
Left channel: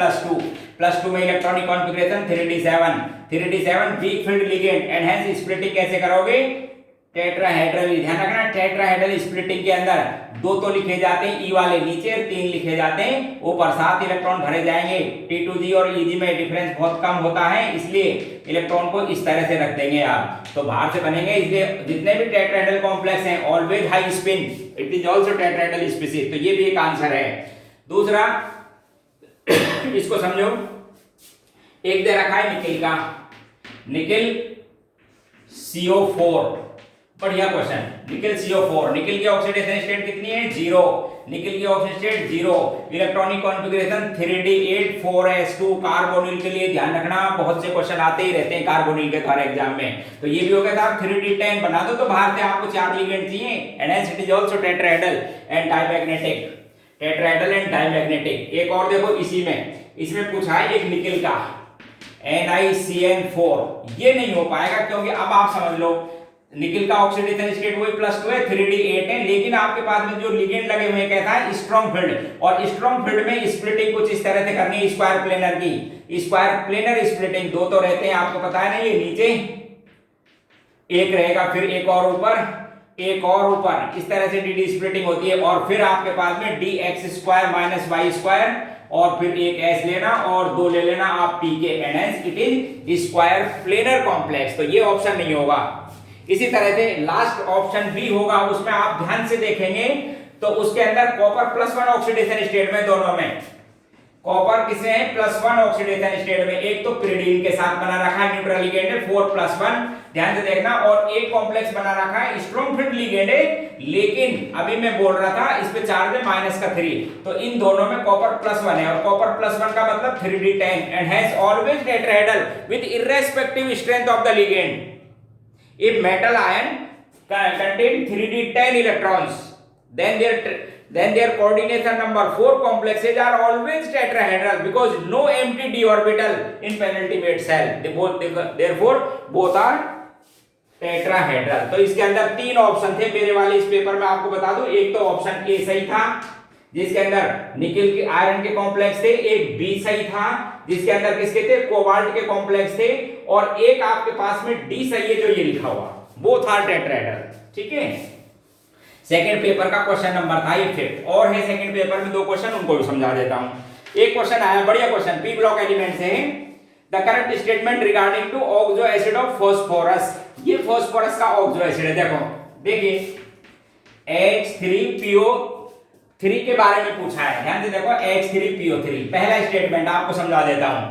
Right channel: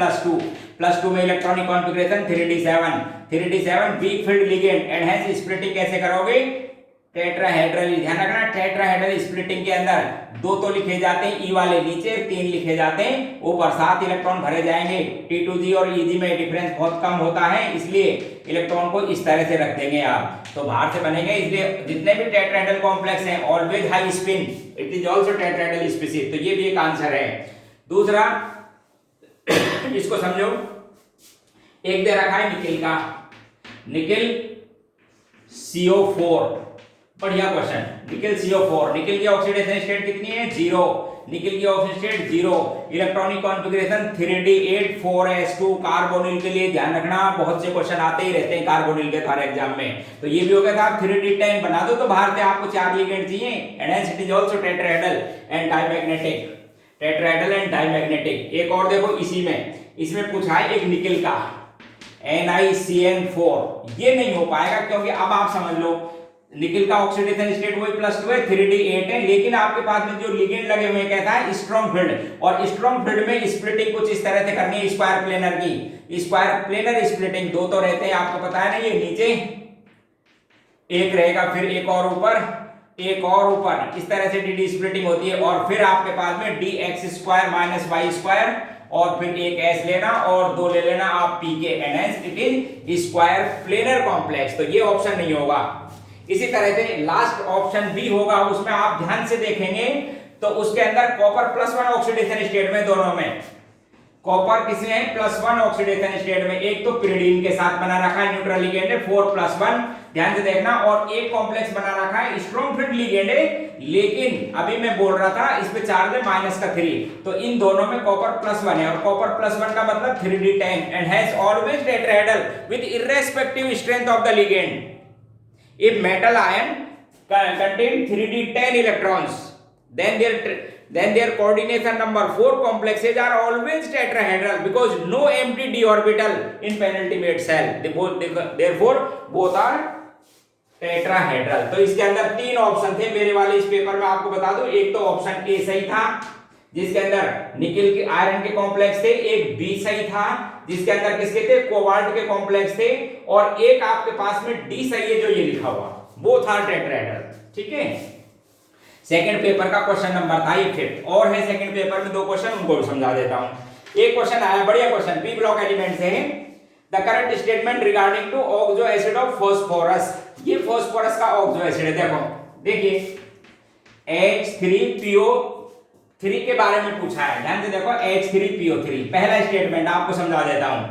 +2 में electronic configuration 3d7 weak field ligand and hence splitting कैसे करोगे, टेट्राहेड्रल। ध्यान रखना टेट्राहेड्रल स्प्लिटिंग के अंदर 2 तो लिखे जाते हैं ई वाले नीचे, 3 लिखे जाते हैं ऊपर, 7 इलेक्ट्रॉन भरे जाएंगे। T2G और EG में डिफरेंस बहुत कम होता है, इसलिए इलेक्ट्रॉन को इस तरह से रख देंगे आप, तो बाहर से बनेंगे। इसलिए जितने भी टेट्राहेड्रल कॉम्प्लेक्स हैं always high spin, it is also tetrahedral species, तो ये भी एक आंसर है। दूसरा इसको समझो, एक दे रखा है निकिल का, निकिल CO4, बढ़िया क्वेश्चन, निकिल CO4, निकिल की ऑक्सीडेशन स्टेट कितनी है, 0, निकिल की oxygen state 0, electronic configuration 3d8 4s2। Carbonyl के लिए ध्यान रखना, बहुत से क्वेश्चन आते ही रहते हैं कार्बोनिल के हर एग्जाम में, तो ये भी हो गया था 3d10 बना दो, तो बाहर के आपको 4 लिगेंड चाहिए, and hence it is also tetrahedral and diamagnetic, tetrahedral and diamagnetic. एक और देखो इसी में, इसमें पूछा है एक निकिल का NiCN4, ये नहीं हो पाएगा क्योंकि अब आप समझ लो निकिल का ऑक्सीडेशन स्टेट वही +2 है, 3d8 है, लेकिन आपके पास में जो लिगेंड लगे हुए हैं कहता है स्ट्रॉन्ग फील्ड, और स्ट्रॉन्ग फील्ड में स्प्लिटिंग कुछ इस तरह से करनी है, स्क्वायर प्लेनर की, स्क्वायर प्लेनर स्प्लिटिंग। 2 तो रहते हैं आपको पता है ना, ये नीचे एक रहेगा, फिर एक और ऊपर, एक और ऊपर, इस तरह से dd स्प्लिटिंग होती है, और फिर आपके पास में dx² - y² और फिर एक s लेना और 2 ले लेना आप p के, and hence it is square planar complex, तो ये ऑप्शन नहीं होगा। इसी तरह से लास्ट ऑप्शन बी होगा, उसमें आप ध्यान से देखेंगे तो उसके अंदर कॉपर +1 ऑक्सीडेशन स्टेट में, दोनों में कॉपर किसमें है, +1 ऑक्सीडेशन स्टेट में, एक तो पिरिडीन के साथ बना रखा है, न्यूट्रल लिगेंड है 4+1, ध्यान से देखना, और एक कॉम्प्लेक्स बना रखा है स्ट्रॉन्ग फील्ड लिगेंड है, लेकिन अभी मैं बोल रहा था इस पे चार्ज है -3, तो इन दोनों में कॉपर +1 है, और कॉपर +1 का मतलब 3d10 and has always tetrahedral with irrespective strength of the ligand. If metal ion contain 3d10 electrons, then their coordination number 4 complexes are always tetrahedral because no empty d orbital in penultimate cell. Therefore, both are tetrahedral. तो इसके अंदर 3 option थे मेरे वाले इस paper में, आपको बता दूं, एक तो ऑप्शन ए सही था जिसके अंदर निकिल के आयरन के कॉम्प्लेक्स थे, एक बी सही था जिसके अंदर किसके थे, कोबाल्ट के कॉम्प्लेक्स थे, और एक आपके पास में डी सही है जो ये लिखा हुआ, बोथ आर टेट्राहेड्रल। ठीक है, सेकंड पेपर का क्वेश्चन नंबर था ये 5th, और है सेकंड पेपर में 2 क्वेश्चन, उनको भी समझा देता हूं। एक क्वेश्चन आया, बढ़िया क्वेश्चन, पी ब्लॉक एलिमेंट से है, the correct statement regarding to oxo acid of phosphorus. ये फास्फोरस का ऑक्सो एसिड है, देखो देखिए H3PO3 के बारे में पूछा है, ध्यान से देखो H3PO3, पहला स्टेटमेंट आपको समझा देता हूं,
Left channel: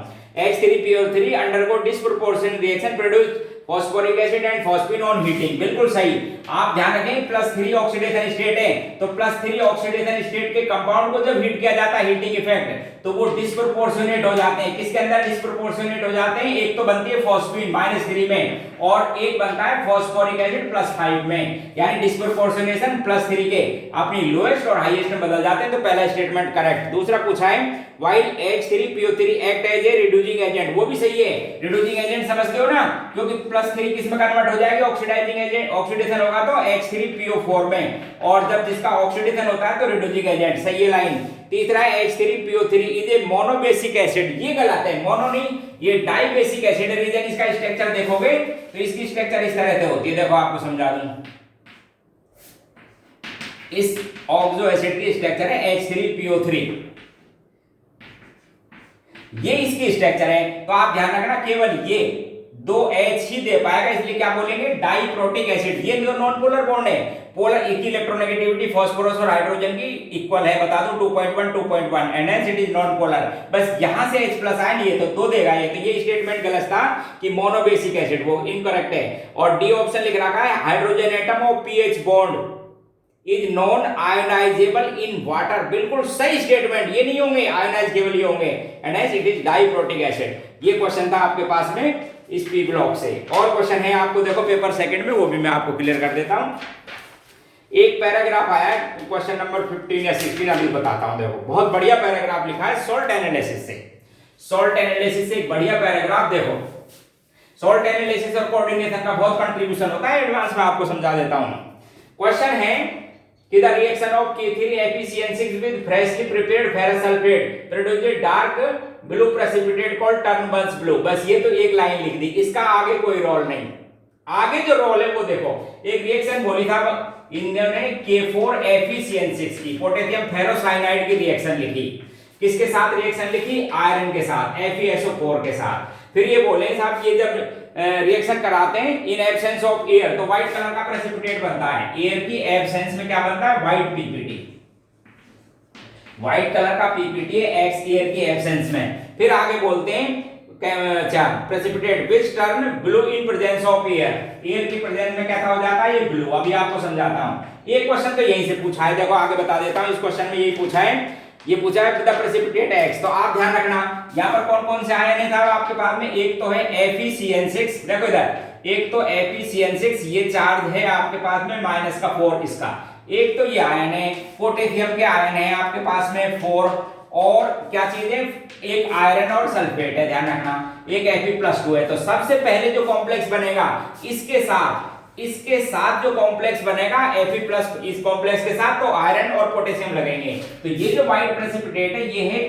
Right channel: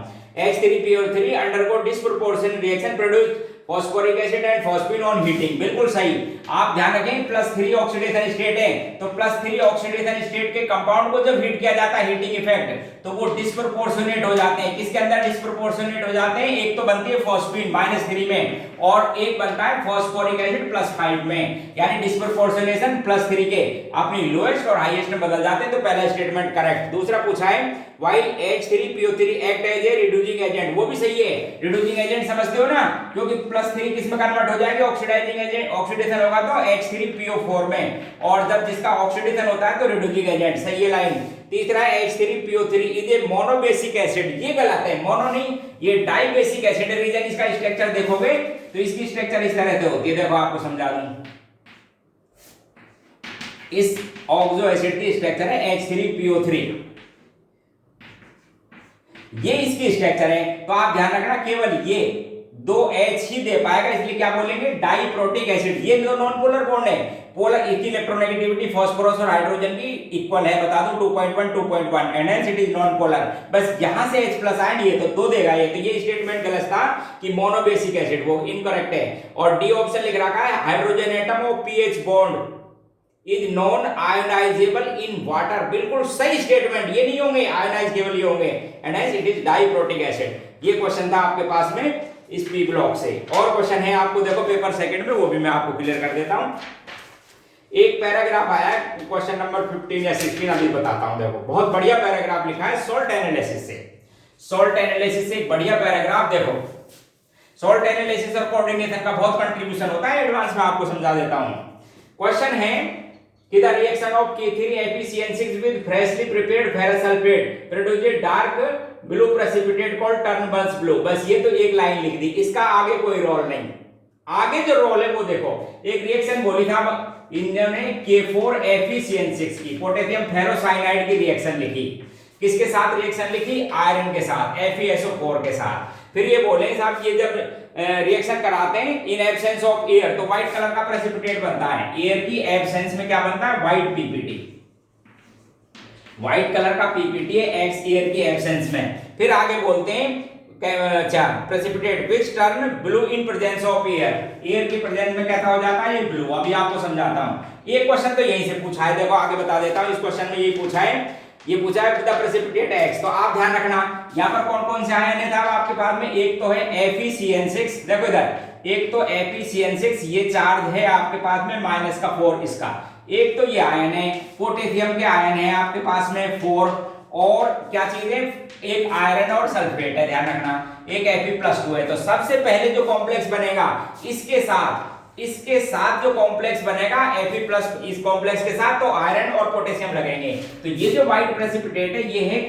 H3PO3 undergo disproportionate reaction produce phosphoric acid and phosphine on heating, बिल्कुल सही। आप ध्यान रखें +3 ऑक्सीडेशन स्टेट है, तो +3 ऑक्सीडेशन स्टेट के कंपाउंड को जब हीट किया जाता है, हीटिंग इफेक्ट, तो वो डिस्प्रोपोर्शनेट हो जाते हैं। किसके अंदर डिस्प्रोपोर्शनेट हो जाते हैं? एक तो बनती है फॉस्फिन -3 में और एक बनता है फॉस्फोरिक एसिड +5 में, यानी डिस्प्रोपोर्शनेशन +3 के अपनी लोएस्ट और हाईएस्ट में बदल जाते हैं। तो पहला स्टेटमेंट करेक्ट। दूसरा पूछा है while H3PO3 act as a reducing agent, वो भी सही है। रिड्यूसिंग एजेंट समझते हो ना, क्योंकि +3 किस में कन्वर्ट हो जाएगी? ऑक्सीडाइजिंग एजेंट, ऑक्सीडेशन होगा तो H3PO4 में, और जब जिसका ऑक्सीडेशन होता है तो रिड्यूसिंग एजेंट, सही है लाइन। तीसरा है H3PO3 is a monobasic acid, ये गलत है, मोनो नहीं, ये डाइबेसिक एसिड है। रीजन इसका स्ट्रक्चर देखोगे तो इसकी स्ट्रक्चर इस तरह से होती है, देखो आपको समझा दूं। इस ऑक्सो एसिड की स्ट्रक्चर है H3PO3, ये इसकी स्ट्रक्चर है। तो आप ध्यान रखना केवल ये 2 H ही दे पाएगा, इसलिए क्या बोलेंगे? Diprotic acid. ये नॉन पोलर बॉन्ड है, पोलर की इलेक्ट्रोनेगेटिविटी फास्फोरस और हाइड्रोजन की इक्वल है, बता दूं 2.1 2.1, and hence it is non polar. बस यहां से H+ आयन ये तो 2 देगा ये, तो ये स्टेटमेंट गलत था कि मोनोबेसिक एसिड, वो इनकरेक्ट है। और डी ऑप्शन लिख रखा है hydrogen atom of pH bond is non ionisable in water, बिल्कुल सही स्टेटमेंट। ये नहीं होंगे आयोनाइज, केवल ये होंगे, and hence it is diprotic acid. ये क्वेश्चन था आपके पास में इस पी ब्लॉक से। और क्वेश्चन है आपको, देखो पेपर सेकंड में, वो भी मैं आपको क्लियर कर देता हूं। एक पैराग्राफ आया है क्वेश्चन नंबर 15 या 16, अभी बताता हूं। देखो बहुत बढ़िया पैराग्राफ लिखा है सॉल्ट एनालिसिस से, सॉल्ट एनालिसिस से एक बढ़िया पैराग्राफ। देखो सॉल्ट एनालिसिस और कोऑर्डिनेशन का बहुत कंट्रीब्यूशन होता है, एडवांस में आपको समझा देता हूं। क्वेश्चन है कि the reaction of K3FeCN6 with freshly prepared ferrous sulfate produces dark blue precipitate called Turnbull's blue। बस ये तो एक लाइन लिख दी, इसका आगे कोई रोल नहीं। आगे जो रोल है वो देखो, एक रिएक्शन बोली था इन्होंने K4FeCN6 की पोटेशियम फेरोसाइनाइड की रिएक्शन लिखी। किसके साथ रिएक्शन लिखी? आयरन के साथ, FeSO4 के साथ। फिर ये बोले साहब ये जब रिएक्शन कराते हैं इन एब्सेंस ऑफ एयर, तो व्हाइट कलर का प्रेसिपिटेट बनता है। एयर की एब्सेंस में क्या बनता है? व्हाइट पीपीटी, व्हाइट कलर का पीपीटी है एक्स एयर की एब्सेंस में। फिर आगे बोलते हैं अच्छा precipitate which turn blue in presence of air, air की प्रेजेंस में कैसा हो जाता है? ये ब्लू। अभी आपको समझाता हूं। ये क्वेश्चन तो यहीं से पूछा है, देखो आगे बता देता हूं। इस क्वेश्चन में यही पूछा है, ये पूछा है द प्रेसिपिटेट एक्स। तो आप ध्यान रखना यहाँ पर कौन कौन से आयन है आपके पास में? एक तो है FeCN6, देखो इधर, एक तो FeCN6 ये चार्ज है आपके पास में -4 इसका। एक तो ये आयन है पोटेशियम के आयन है आपके पास में 4, और क्या चीज है? एक आयरन और सल्फेट है, ध्यान रखना। एक Fe+2 है। तो सबसे पहले जो कॉम्प्लेक्स बनेगा इसके साथ जो कॉम्प्लेक्स बनेगा Fe+, इस कॉम्प्लेक्स के साथ तो आयरन और पोटेशियम लगेंगे। तो ये जो व्हाइट प्रेसिपिटेट है ये है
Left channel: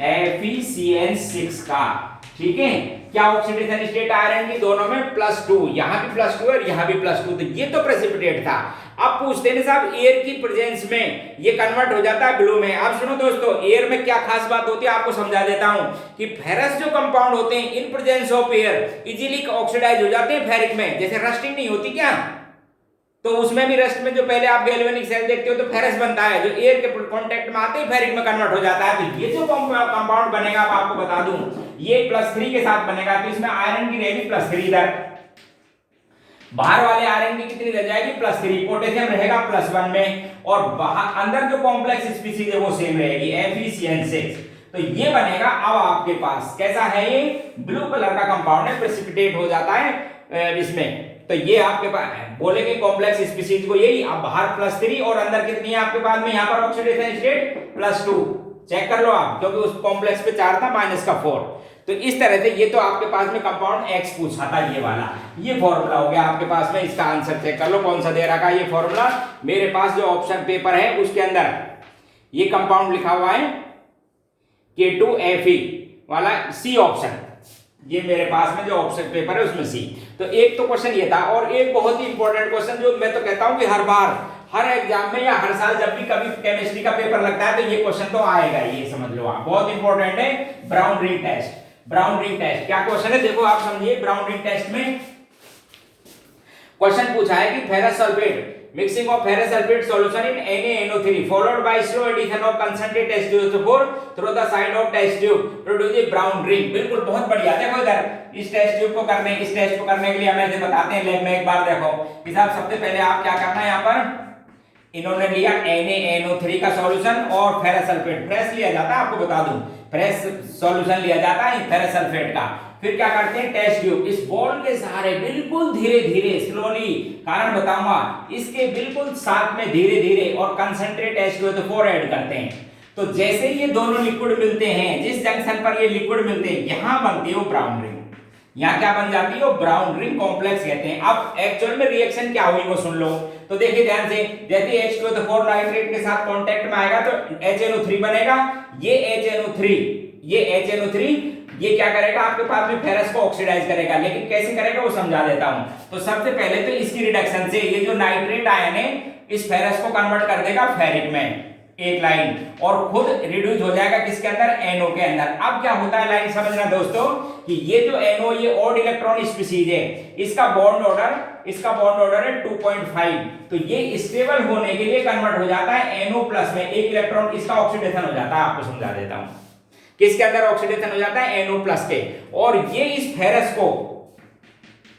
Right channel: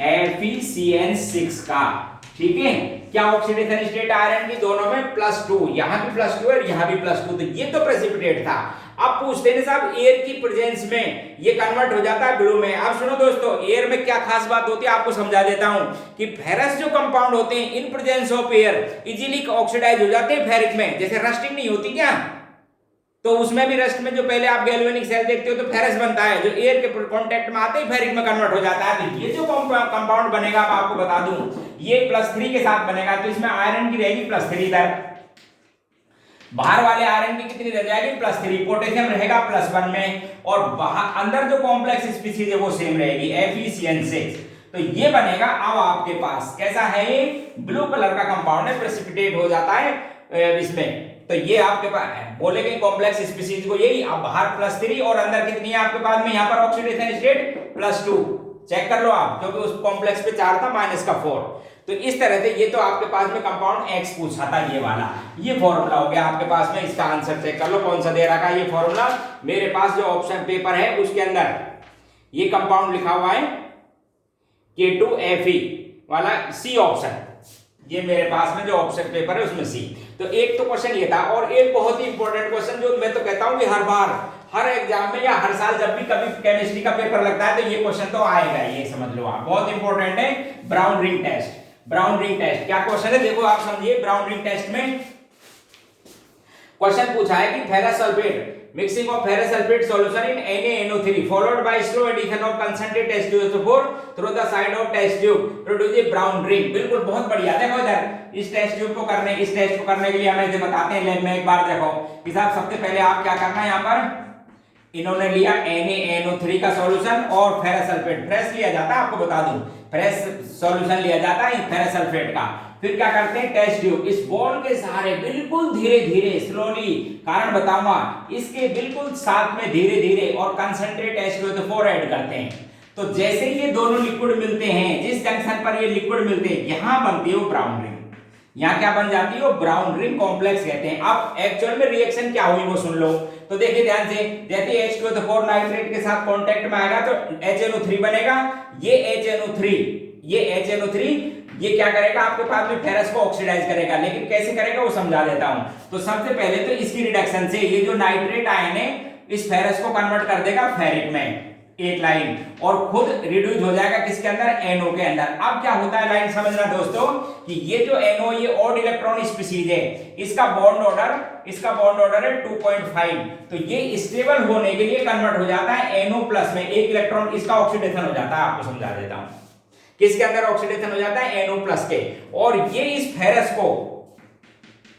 K2FeCN6 का, ठीक है। क्या ऑक्सीडेशन स्टेट आयरन की दोनों में +2, यहां भी +2 और यहां भी +2, तो ये तो प्रेसिपिटेट था। अब पूछते हैं साहब एयर की प्रेजेंस में ये कन्वर्ट हो जाता है ब्लू में। अब सुनो दोस्तों, एयर में क्या खास बात होती है आपको समझा देता हूं कि फेरस जो कंपाउंड होते हैं in presence of air easily oxidise हो जाते हैं फेरिक में। जैसे रस्टिंग नहीं होती क्या, तो उसमें भी रस्ट में जो पहले आप गैल्वेनिक सेल देखते हो तो फेरस बनता है, जो एयर के कांटेक्ट में आते ही फेरिक में कन्वर्ट हो जाता है। तो ये जो कंपाउंड बनेगा अब आपको बता दूं ये +3 के साथ बनेगा, तो इसमें आयरन की रहेगी +3 इधर, बाहर वाले आयरन की कितनी रह जाएगी? +3, पोटेशियम रहेगा +1 में, और बाहर अंदर जो कॉम्प्लेक्स स्पीशीज है वो सेम रहेगी FeCN6। तो ये बनेगा अब आपके पास कैसा है? ये ब्लू कलर का कंपाउंड है, प्रेसिपिटेट हो जाता है इसमें। तो ये आपके पास बोलेंगे कॉम्प्लेक्स स्पीशीज को यही। अब बाहर +3 और अंदर कितनी है आपके पास में? यहाँ पर ऑक्सीडेशन स्टेट +2, चेक कर लो आप, क्योंकि उस कॉम्प्लेक्स पे चार्ज था -4। तो इस तरह से ये तो आपके पास में कंपाउंड X पूछा था, ये वाला, ये फॉर्मूला हो गया आपके पास में। इसका आंसर चेक कर लो कौन सा दे रखा है ये फॉर्मूला। मेरे पास जो ऑप्शन पेपर है उसके अंदर ये कंपाउंड लिखा हुआ है K2Fe वाला, C ऑप्शन, ये मेरे पास में जो ऑप्शन पेपर है उसमें C। तो एक तो क्वेश्चन ये था, और एक बहुत ही इंपॉर्टेंट क्वेश्चन जो मैं तो कहता हूं कि हर बार हर एग्जाम में या हर साल जब भी कभी केमिस्ट्री का पेपर लगता है तो ये क्वेश्चन तो आएगा, ये समझ लो आप, बहुत इंपॉर्टेंट है। Brown ring test, brown ring test क्या क्वेश्चन है देखो आप समझिए। ब्राउन रिंग टेस्ट में क्वेश्चन पूछा है कि ferrous sulphate Mixing of ferrous sulfate solution in NaNO3 followed by slow addition of concentrated H2SO4 through the side of test tube produce a brown ring। बिल्कुल बहुत बढ़िया। देखो इधर इस टेस्ट को करने के लिए हमें जो बताते हैं लैब में, एक बार देखो कि साहब सबसे पहले आप क्या करना है, यहाँ पर इन्होंने लिया NaNO3 का सॉल्यूशन और फेरस सल्फेट, फ्रेश लिया जाता है, आपको बता दूं फ्रेश सॉल्यूशन लिया जाता है फेरस सल्फेट का। फिर क्या करते हैं, टेस्ट ट्यूब इस बॉल के सहारे बिल्कुल धीरे धीरे स्लोली, कारण बताऊंगा, इसके बिल्कुल साथ में धीरे धीरे और कंसंट्रेट H2SO4 ऐड करते हैं। तो जैसे ये दोनों लिक्विड मिलते हैं, जिस जंक्शन पर ये लिक्विड मिलते हैं, यहां बनती है वो ब्राउन रिंग। यहाँ क्या बन जाती है, वो ब्राउन रिंग कॉम्प्लेक्स कहते हैं। अब एक्चुअल में रिएक्शन क्या हुई वो सुन लो। तो देखिए ध्यान से, जैसे H2SO4 नाइट्रेट के साथ कांटेक्ट में आएगा तो HNO3 बनेगा। ये HNO3 ये क्या करेगा, आपके पास में फेरस को ऑक्सीडाइज करेगा, लेकिन कैसे करेगा वो समझा देता हूं। तो सबसे पहले तो इसकी रिडक्शन से ये जो नाइट्रेट आयन है इस फेरस को कन्वर्ट कर देगा फेरिक में, एक लाइन, और खुद रिड्यूस हो जाएगा किसके अंदर, NO के अंदर। अब क्या होता है, लाइन समझना दोस्तों, कि ये जो NO ये ऑड इलेक्ट्रॉन स्पीशीज है, इसका बॉन्ड ऑर्डर है 2.5, तो ये स्टेबल होने के लिए कन्वर्ट हो जाता है NO प्लस में, एक इलेक्ट्रॉन इसका ऑक्सीडेशन हो जाता है। आपको समझा देता हूं किसके अंदर ऑक्सीडेशन हो जाता है, NO प्लस के। और ये इस फेरस को,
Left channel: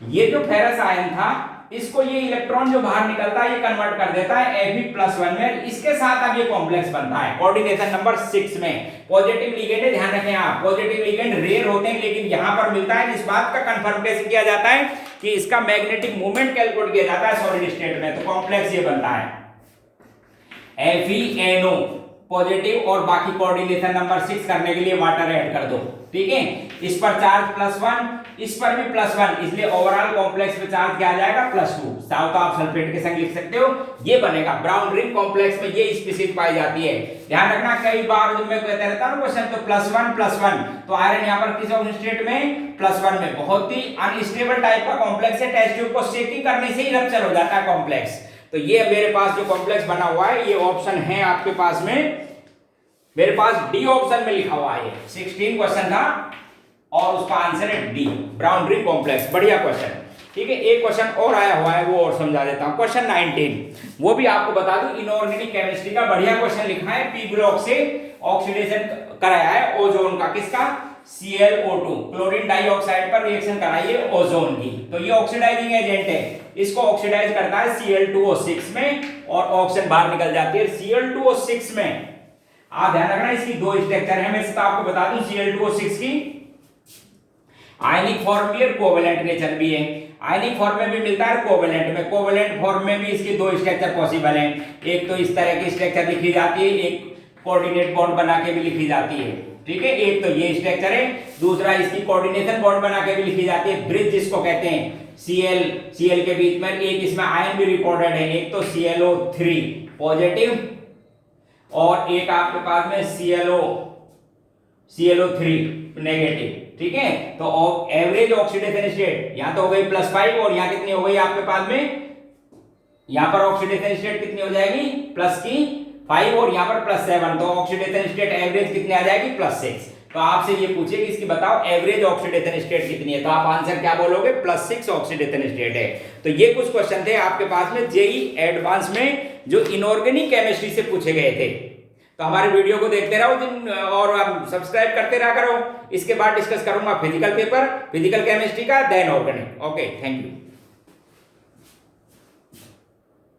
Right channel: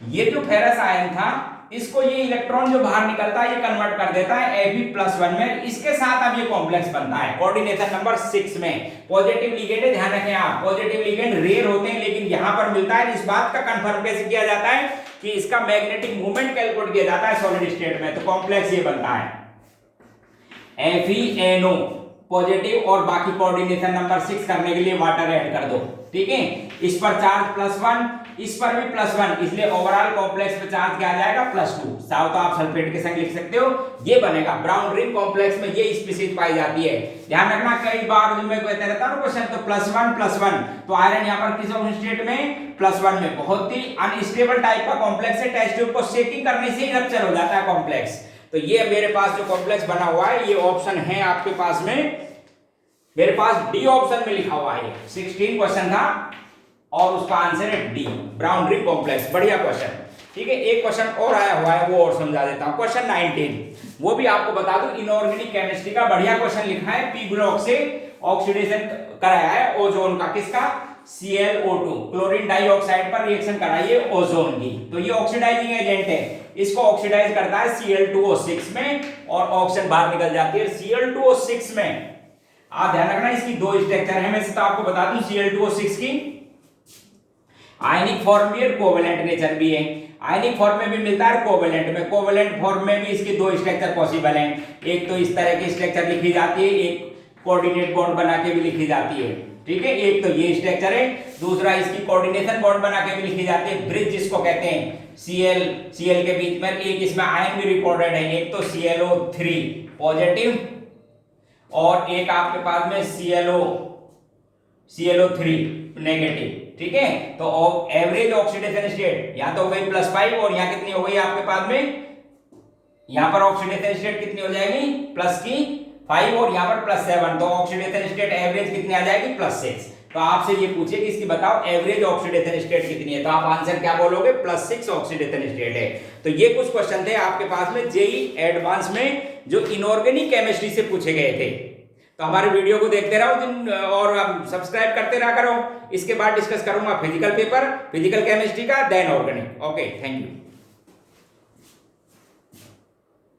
ये जो फेरस आयन था इसको ये इलेक्ट्रॉन जो बाहर निकलता है ये कन्वर्ट कर देता है Fe+1 में। इसके साथ अब ये कॉम्प्लेक्स बनता है कोऑर्डिनेशन नंबर 6 में। पॉजिटिव लिगेंड है, ध्यान रखें आप, पॉजिटिव लिगेंड रेयर होते हैं, लेकिन यहां पर मिलता है। इस बात का कंफर्म कैसे किया जाता है कि इसका मैग्नेटिक मोमेंट कैलकुलेट किया जाता है सॉलिड स्टेट में, तो कॉम्प्लेक्स ये बनता है FeNO पॉजिटिव, और बाकी कोऑर्डिनेशन नंबर 6 करने के लिए वाटर ऐड कर दो, ठीक है। इस पर चार्ज +1, इस पर भी +1, इसलिए ओवरऑल कॉम्प्लेक्स पे चार्ज क्या आ जाएगा, +2। साथ तो आप सल्फेट के संग लिख सकते हो, ये बनेगा ब्राउन रिंग कॉम्प्लेक्स में, ये स्पीशीज पाई जाती है। ध्यान रखना, कई बार जो मैं कहता रहता हूं क्वेश्चन, तो +1 तो आयरन यहां पर किस स्टेट में, +1 में। बहुत ही अनस्टेबल टाइप का कॉम्प्लेक्स है, टेस्ट ट्यूब को शेकिंग करने से ही रप्चर हो जाता है कॉम्प्लेक्स। तो ये मेरे पास जो कॉम्प्लेक्स बना हुआ है, ये ऑप्शन है आपके पास में, मेरे पास डी ऑप्शन में लिखा हुआ है। 16 क्वेश्चन था और उसका आंसर है डी, ब्राउन रिंग कॉम्प्लेक्स। बढ़िया क्वेश्चन, ठीक है। एक क्वेश्चन और आया हुआ है, वो और समझा देता हूं। क्वेश्चन 19, वो भी आपको बता दूं, इनऑर्गेनिक केमिस्ट्री का बढ़िया क्वेश्चन लिखा है। पी ब्लॉक से ऑक्सीडेशन कराया है ओजोन का, किसका, ClO2, क्लोरीन डाइऑक्साइड पर रिएक्शन कराइए ओजोन की। तो ये ऑक्सीडाइजिंग एजेंट है, इसको ऑक्सीडाइज करता है Cl2O6 में, और ऑक्सीजन बाहर निकल जाती है Cl2O6 में। आप ध्यान रखना, इसकी दो स्ट्रक्चर है, मैं इसका आपको बता दूं। Cl2O6 की आयनिक फॉर्म भी है, कोवेलेंट नेचर भी है। आयनिक फॉर्म में भी मिलता है, कोवेलेंट में, कोवेलेंट फॉर्म में भी इसके दो स्ट्रक्चर पॉसिबल हैं। एक तो इस तरह की स्ट्रक्चर लिखी जाती है, एक कोऑर्डिनेट बॉन्ड बना के भी लिखी जाती है, ठीक है। एक तो ये स्ट्रक्चर है, दूसरा इसकी कोऑर्डिनेशन बॉन्ड बना के भी लिखी जाती है, ब्रिज जिसको कहते हैं। Cl के बीच में एक इसमें आयन भी रिकॉर्डेड है, एक तो ClO3 पॉजिटिव और एक आपके पास में ClO3 नेगेटिव, ठीक है। तो एवरेज ऑक्सीडेशन स्टेट यहां तो हो गई +5, और यहां कितनी हो गई आपके पास में, यहां पर ऑक्सीडेशन स्टेट कितनी हो जाएगी, +5, और यहां पर +7, तो ऑक्सीडेशन स्टेट एवरेज कितनी आ जाएगी, +6। तो आपसे ये पूछे कि इसकी बताओ एवरेज ऑक्सीडेशन स्टेट कितनी है, तो आप आंसर क्या बोलोगे, +6 ऑक्सीडेशन स्टेट है। तो ये कुछ क्वेश्चन थे आपके पास में जेईई एडवांस में, जो इनऑर्गेनिक केमिस्ट्री से पूछे गए थे। तो हमारे वीडियो को देखते रहो और आप सब्सक्राइब करते रहा करो। इसके बाद डिस्कस करूंगा फिजिकल पेपर, फिजिकल केमिस्ट्री का, then organic. Okay, thank you.